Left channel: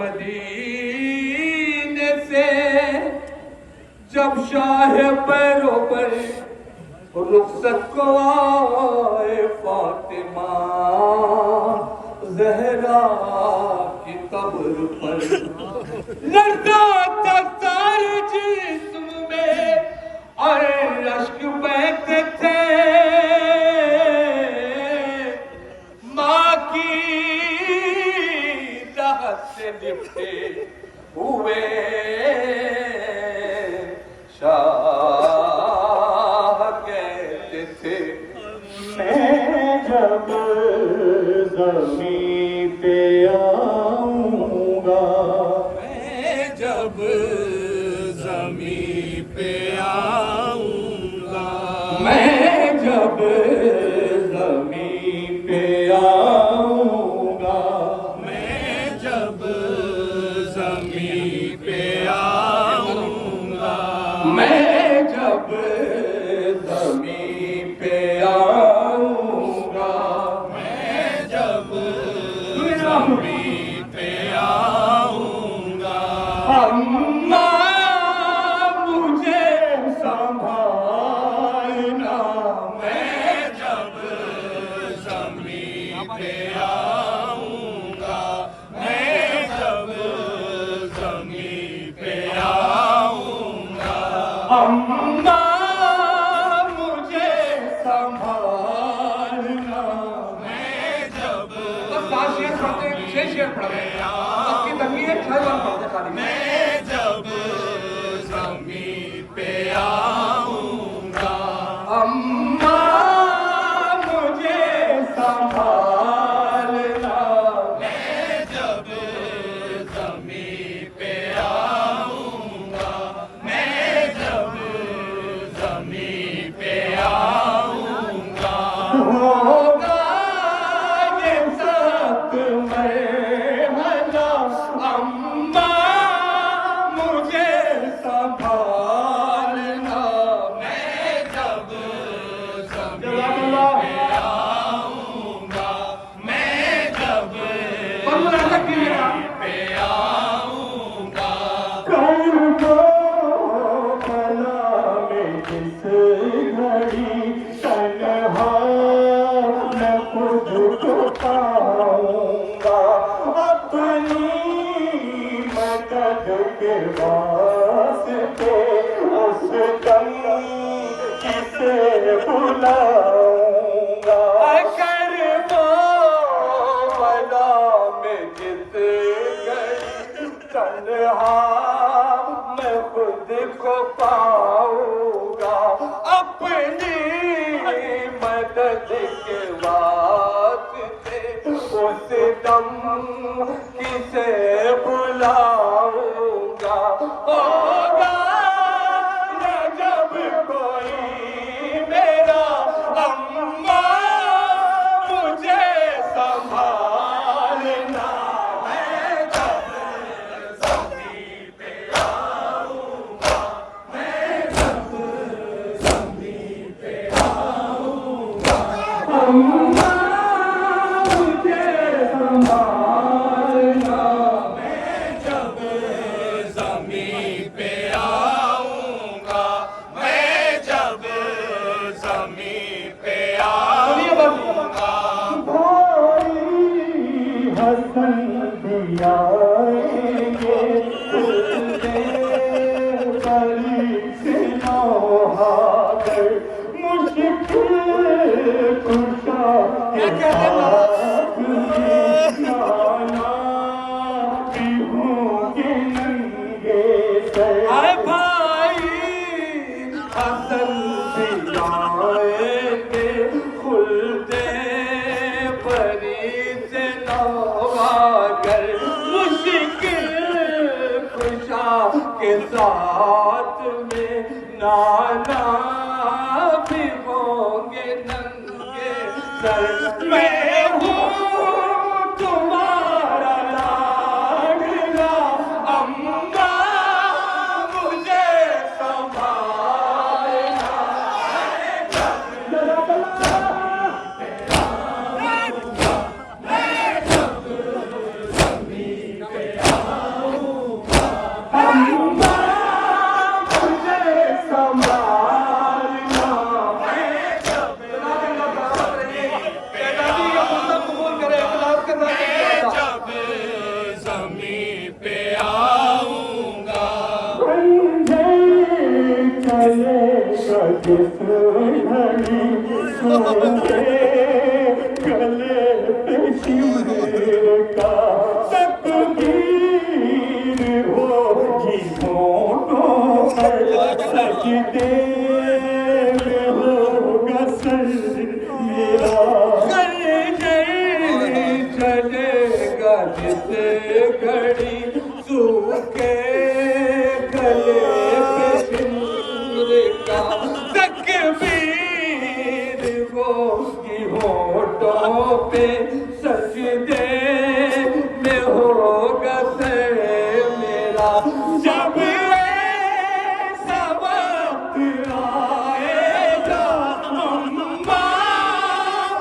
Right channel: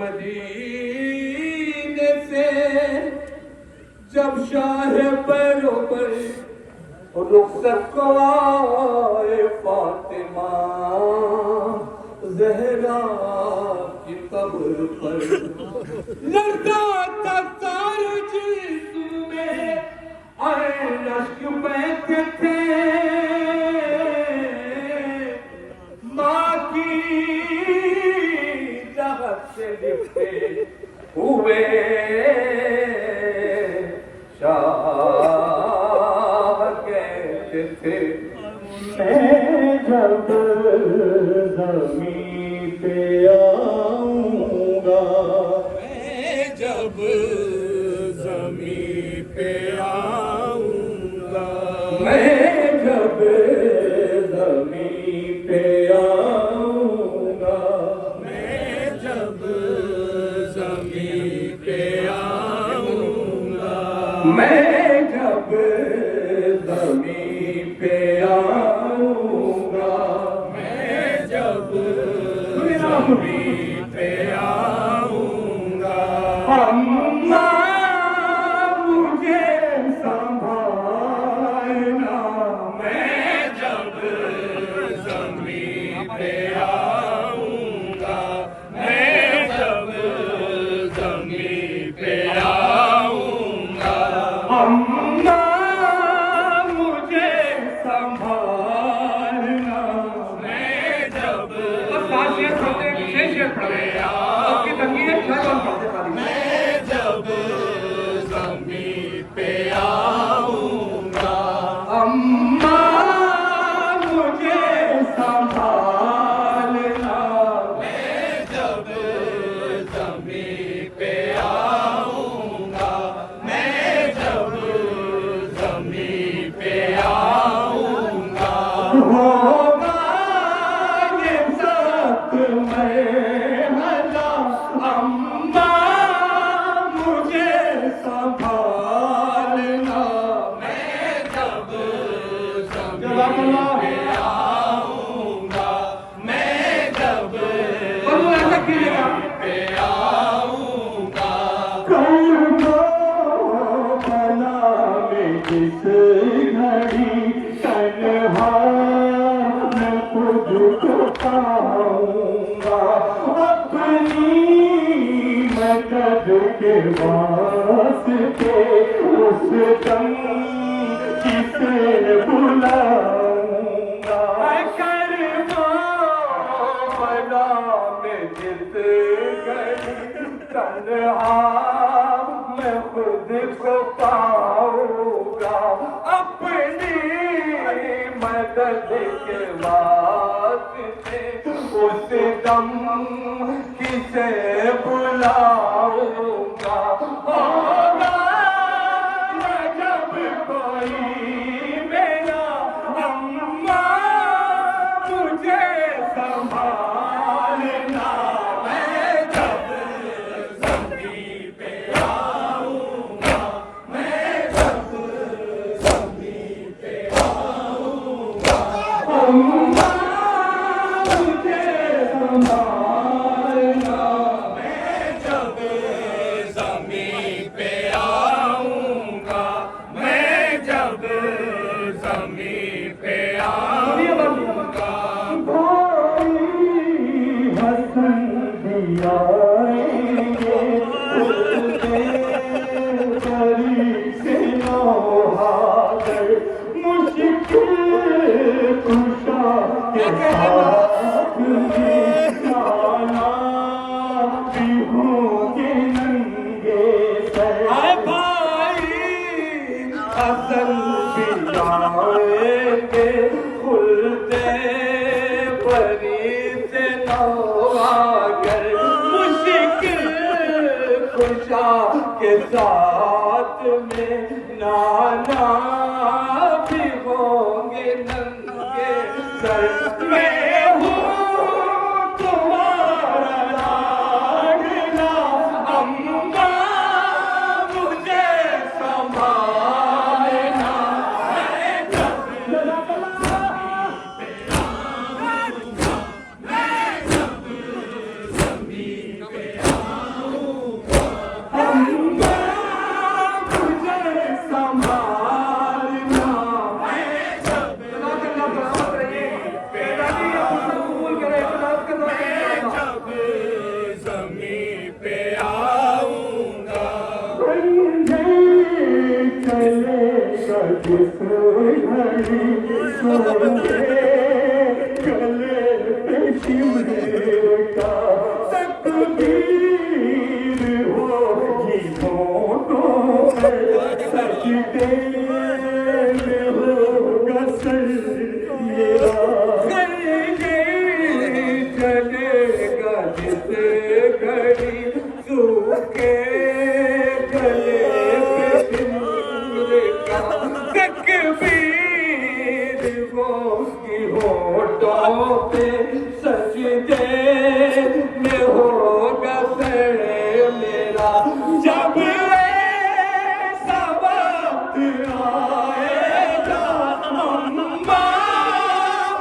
मदीने से जब शाह पैरों पर रुखसत को आए फातिमा ज़हरा की कब्र पर लड़का था सारे जिस्म में और अश्क बहते थे माँ की चाहत से लिपटे हुए शाह कहते थे मैं जब ज़मीं पे आऊँगा, मैं जब ज़मीं पे आऊँगा, मैं जब ज़मीं पे आऊँगा, मैं जब ज़मीं पे आऊँगा, मैं जब ज़मीं पे आऊँगा, मैं जब ज़मीं पे आऊँगा, अम्मा मुझे संभालना, मैं जब ज़मीं पे आऊँगा, मैं जब ज़मीं पे आऊँगा, अम्मा मुझे संभालना, मैं जब शेर पढ़ रहे हैं आपकी तकलीफ है मैं जब ज़मीं पे आऊँगा, अम्मा मुझे संभालना, मैं जब ज़मीं पे आऊँगा, मैं जब ज़मीं पे आऊँगा, होगा ये सब मैं भला, अम्मा मुझे संभालना, मैं जब ज़मीं पे आऊँगा, मैं जब ज़मीं पे आऊँगा, कर दो भला में जिस घड़ी तन्हा मैं खुद को पाऊँगा, अपनी मदद के वास्ते उस दम किसे बुलाऊँगा। कर दो भला में जिस घड़ी तन्हा मैं खुद को पाऊँगा, अपनी मदद के वास्ते उस दम किसे बुलाऊँगा। होगा न जब कोई मेरा, अम्मा मुझे संभालना, मैं जब ज़मीं पे आऊँगा, मैं जब ज़मीं पे आऊँगा, अम्मा मुझे संभालना, मैं जब ज़मीं पे आऊँगा, मैं जब ज़मीं पे आऊँगा, कोई हसन भी आएंगे, उससे बड़ी से नौहागर, मुश्किल कुशा के साथ जाना भी होंगे नंगे सर। आए भाई हसन भी आएंगे, खुलते परी से नवागर, मुश्किल खुशा के साथ में नाना भी होंगे नंगे सर। मैं हूँ तुम्हारा लाडला, अम्मा मुझे संभालना, मैं जब ज़मीं पे आऊँगा, सूखे गले पे शिव का तकदीर होगी होठों पर सजदे में होगा सर मेरा कर गई चलेगा जिस घड़ी सूखे गले पे शिव का तकबीर होगी होठों पे सजदे में होगा सर मेरा जब ऐसा वक्त आएगा अम्मा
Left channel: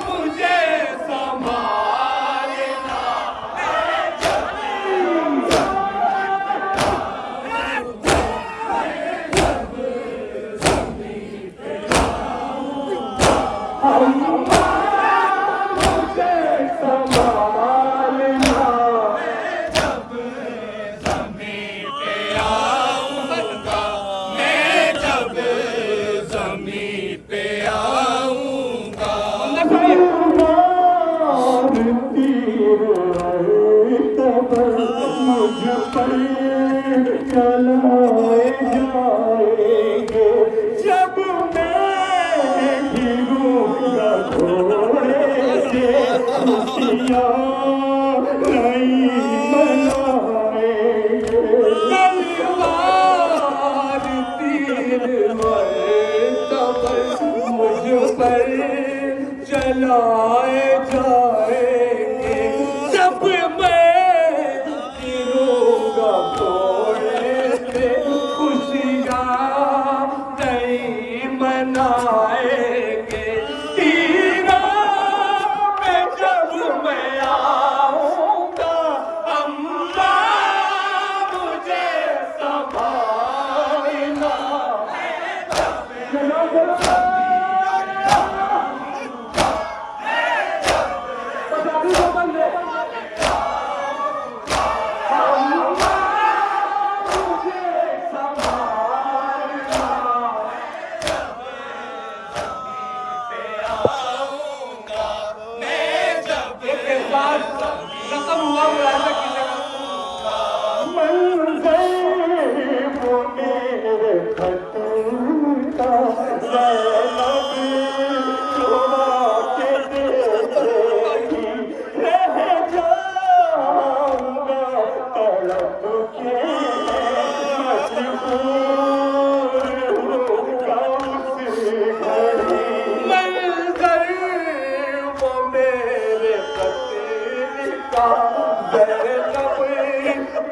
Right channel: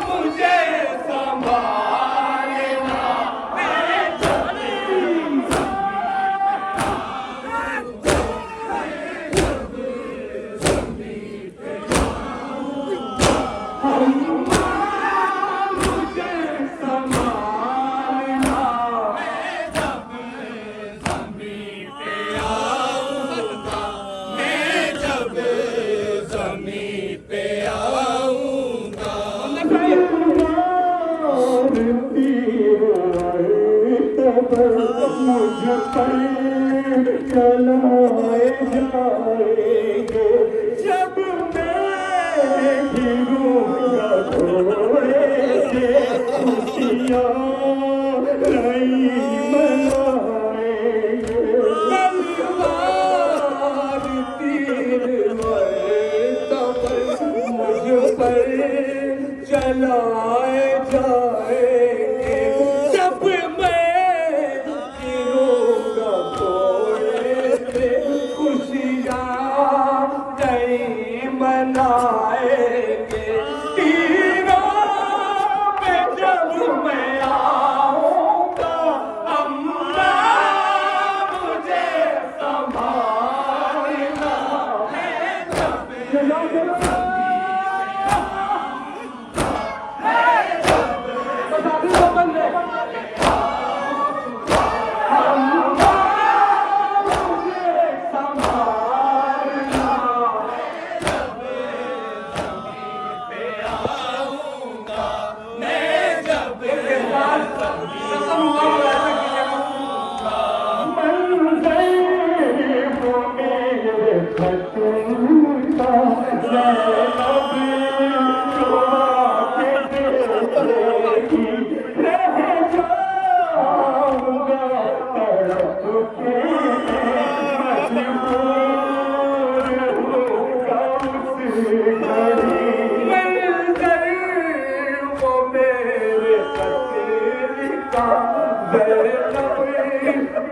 मुझे संभालना मैं मुझ पर चलाए जाएंगे जब मैं गिरूंगा घोड़े से खुशियाँ नहीं मनाएंगे तलवार तीर मरतबा मुझ पर चलाए जाएंगे जब मैं गिरूंगा घोड़े से खुशियाँ नहीं मनाएंगे तीरों में जब मैं आऊंगा अम्मा मुझे संभालना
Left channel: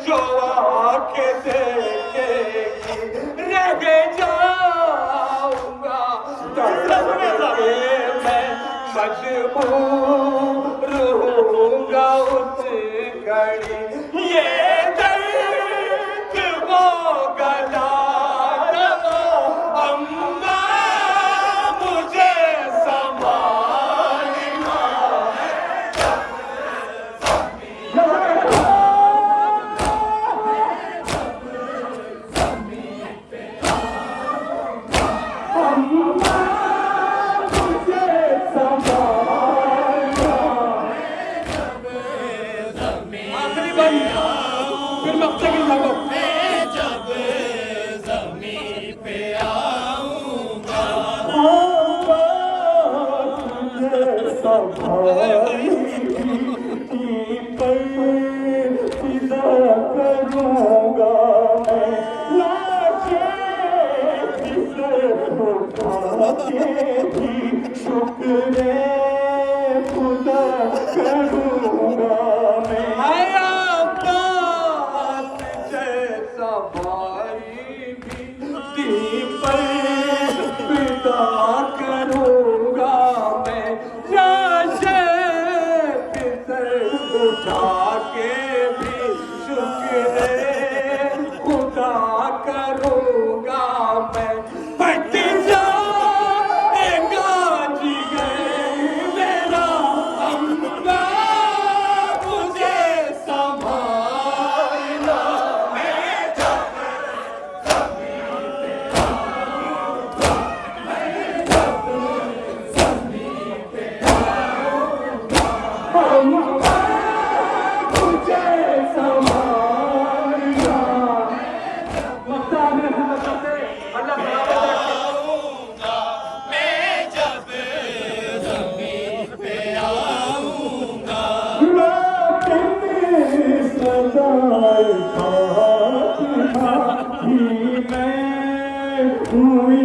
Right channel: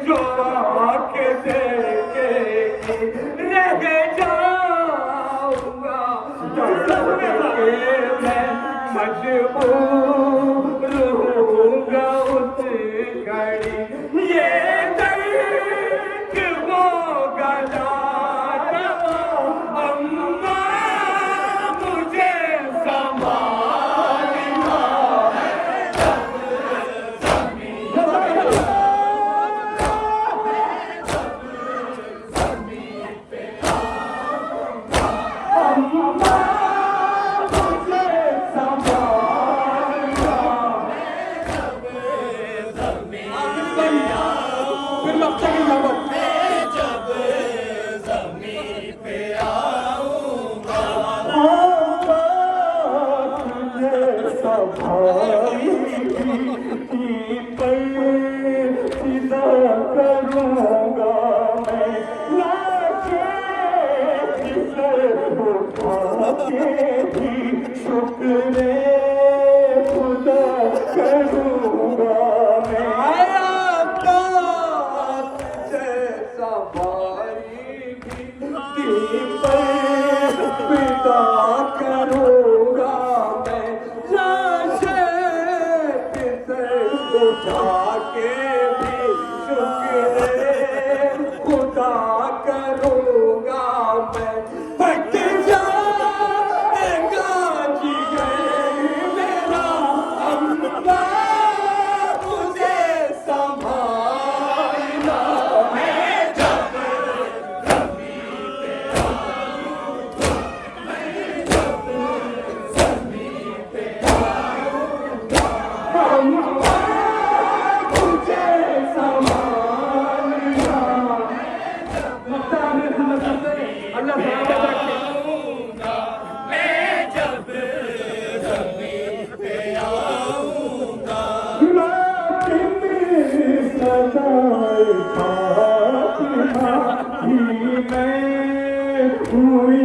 जो आके देखेगी रह जाऊंगा मैं मजबूर होऊंगा उस घड़ी ये दर्द होगा जाना अम्मा मुझे संभालना फिर लगता है मैं जब ज़मीन पे आऊंगा तुझे सीधा करूंगा मैं लाशे उठा के भी शुक्र खुदा करूंगा मैं पिता करूंगा मैं लाशे उठा के भी शुक्र खुदा करूंगा मैं फट जाएगा जिगर मेरा अम्मा मुझे संभालना मैं जब सदाए फातिमा ही मैं हुई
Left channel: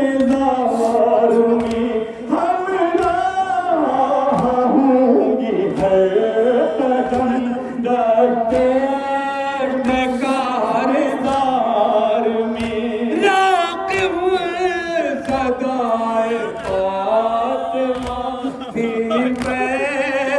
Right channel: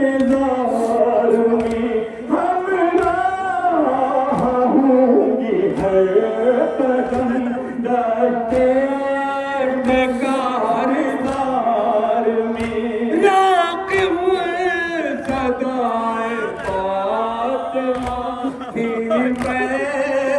इंतजार में हमरा होंगी हर कदम डरते डकारदार में राक़िब सदाए फातिमा ही मैं